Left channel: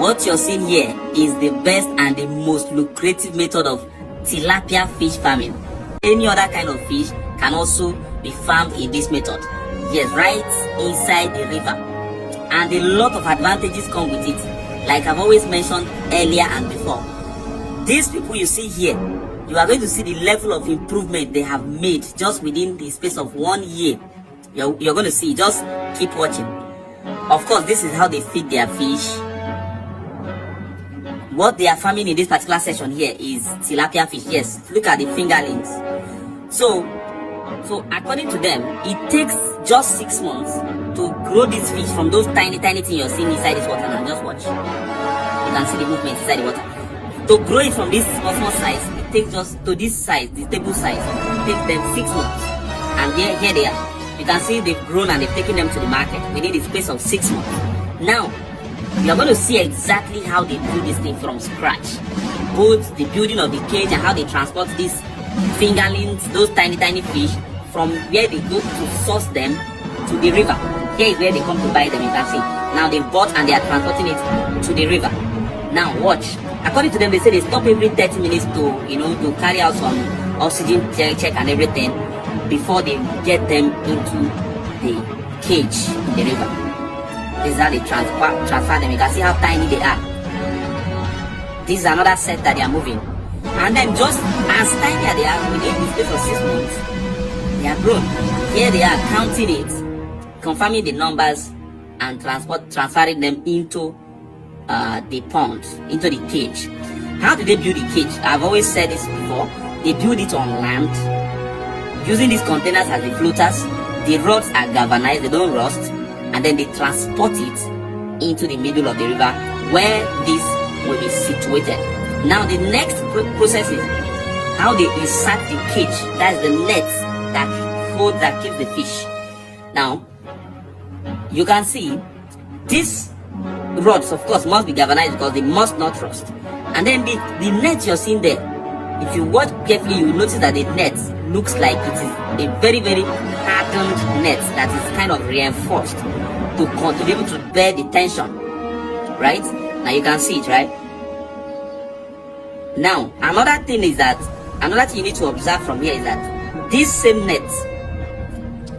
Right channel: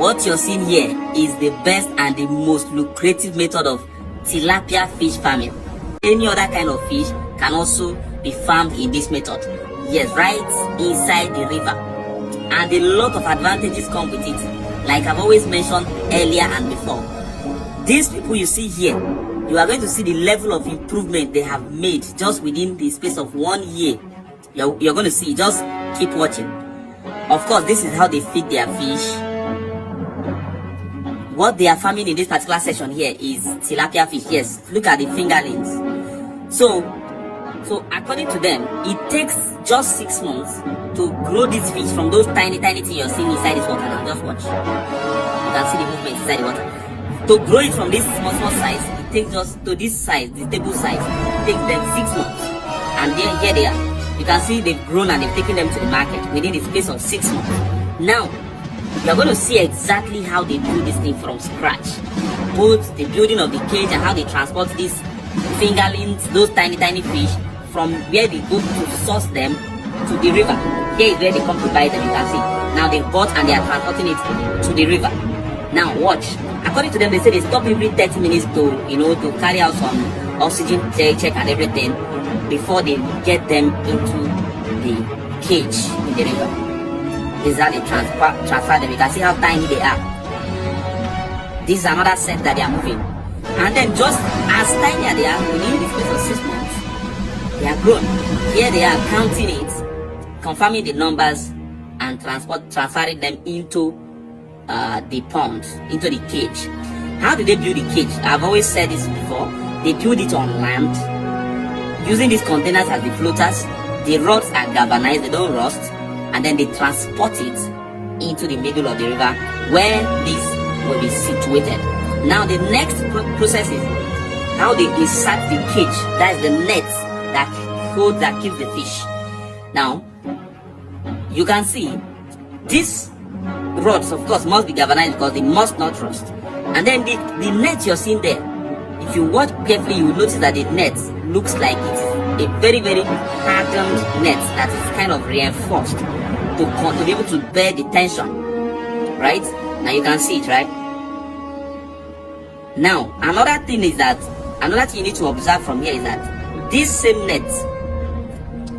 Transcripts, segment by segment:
What you're seeing here is the best and the most lucrative method of tilapia fish farming. Any other kind of fish can also be farmed in this method. Yes, right inside the river. And a lot of advantages come with it. Like I've always mentioned earlier and before. These people you see here, you are going to see the level of improvement they have made just within the space of 1 year. You're going to see, just keep watching. Of course, this is how they feed their fish. What they are farming in this particular section here is tilapia fish. Yes, look at the fingerlings. So according to them, it takes just 6 months to grow this fish from those tiny things you're seeing inside this water. Now just watch. You can see the movement inside the water. To grow it from this small size, it takes just to this size, the table size, it takes them 6 months. And then here they are. You can see they've grown and they've taken them to the market within the space of 6 months. Now, you're going to see exactly how they do this thing from scratch. Both the building of the cage and how they transport these fingerlings, those tiny fish, from where they go to source them to the river. Here is where they come to buy them, you can see. Now they've bought and they are transporting it to the river. Now watch. According to them, they say they stop every 30 minutes to carry out some oxygen check and everything before they get them into the cage in the river. This is how they transfer them. You can see how tiny they are. This is another set that they are moving. And then just as tiny as they are, within the space of 6 months, they are grown. Here they are counting it, confirming the numbers, and transferring them into the pond, into the cage. How do they build the cage? I've always said this before. They build it on land, using these containers as the floaters. The rods are galvanized, they don't rust, and then they transport it into the middle of the river where this will be situated. Now the next process is how they insert the cage. That is the net that keeps the fish. Now you can see these rods, of course, must be galvanized because they must not rust. And then the net you're seeing there, if you watch carefully, you will notice that the net looks like it is a very hardened net that is kind of reinforced to be able to bear the tension. Right? Now you can see it, right? Now, another thing you need to observe from here is that this same net,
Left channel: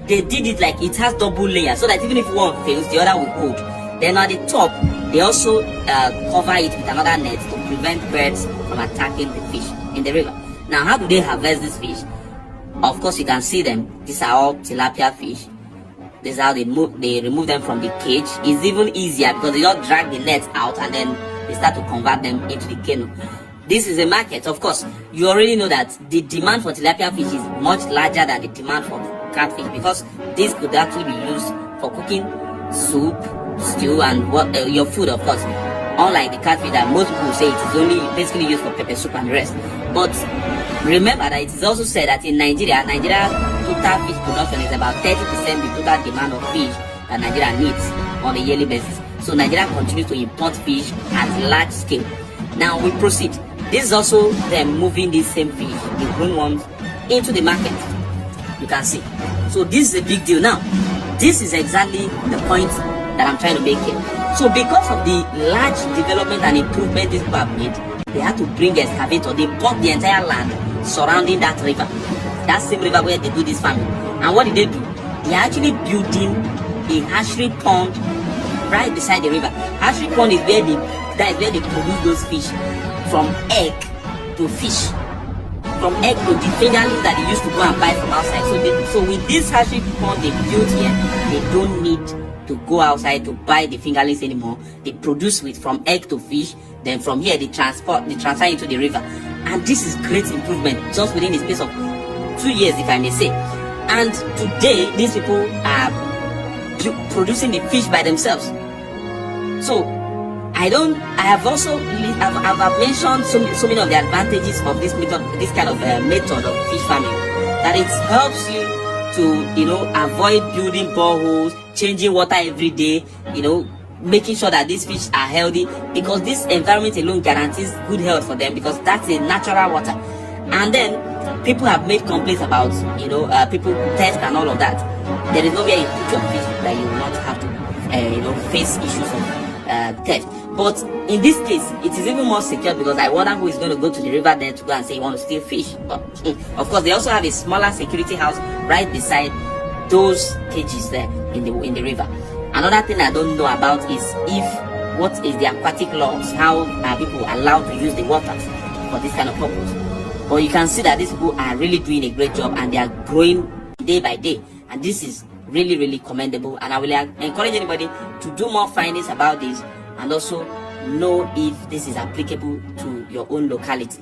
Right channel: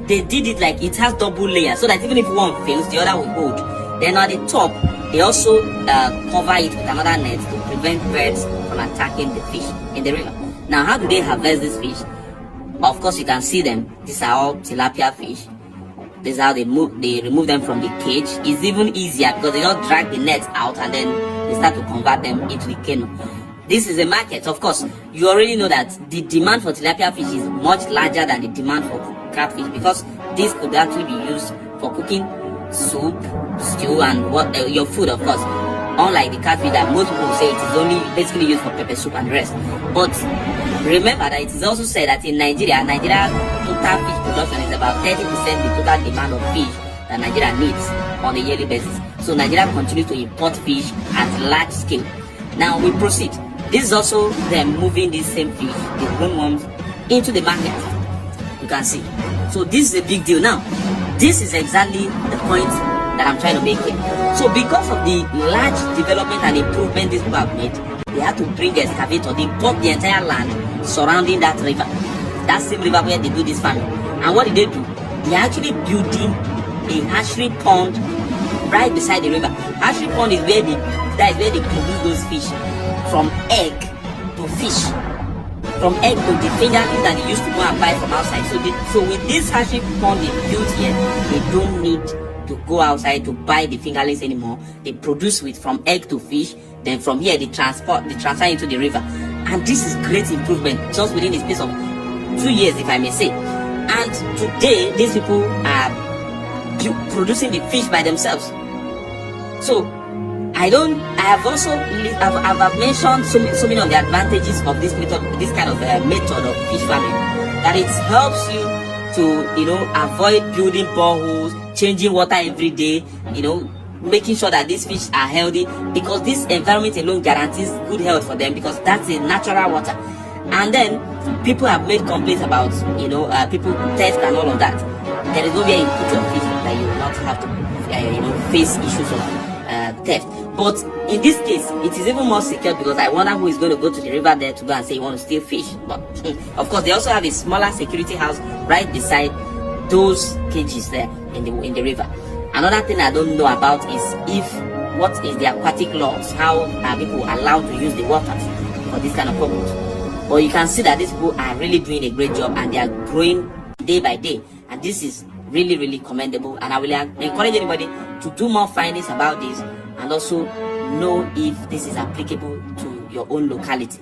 they did it like it has double layers, so that even if one fails, the other will hold. Then at the top, they also cover it with another net to prevent birds from attacking the fish in the river. Now, how do they harvest this fish? Of course, you can see them. These are all tilapia fish. This is how they remove them from the cage. It's even easier because they just drag the net out and then they start to convert them into the canoe. This is a market. Of course, you already know that the demand for tilapia fish is much larger than the demand for catfish, because this could actually be used for cooking soup, stew, and your food, of course. Unlike the catfish that most people say it is only basically used for pepper soup and the rest. But remember that it is also said that in Nigeria total fish production is about 30% the total demand of fish that Nigeria needs on a yearly basis. So Nigeria continues to import fish at large scale. Now we proceed. This is also them moving these same fish, the grown ones, into the market. You can see. So this is a big deal. Now, this is exactly the point that I'm trying to make here. So because of the large development and improvement these people have made, they had to bring excavator. They bought the entire land surrounding that river. That same river where they do this farming. And what did they do? They're actually building a hatchery pond right beside the river. Hatchery pond is where they produce those fish from egg to fish. From egg to the fingerlings that they used to go and buy from outside. So with this hatchery pond they built here, they don't need to go outside to buy the fingerlings anymore. They produce from egg to fish. Then from here they transfer into the river. And this is great improvement just within the space of 2 years, if I may say. And today these people are producing the fish by themselves. So I've mentioned so many of the advantages of this method, this kind of method of fish farming, that it helps you to avoid building boreholes, changing water every day, making sure that these fish are healthy, because this environment alone guarantees good health for them, because that's a natural water. And then people have made complaints about people theft and all of that. There is no way you put your fish that you will not have to face issues of theft. But in this case, it is even more secure because I wonder who is going to go to the river there to go and say he wants to steal fish. But of course, they also have a smaller security house right beside those cages there in the river. Another thing I don't know about is what is the aquatic laws? How are people allowed to use the waters for this kind of purpose? But you can see that these people are really doing a great job and they are growing day by day. And this is really, really commendable. And I will encourage anybody to do more findings about this and also know if this is applicable to your own locality.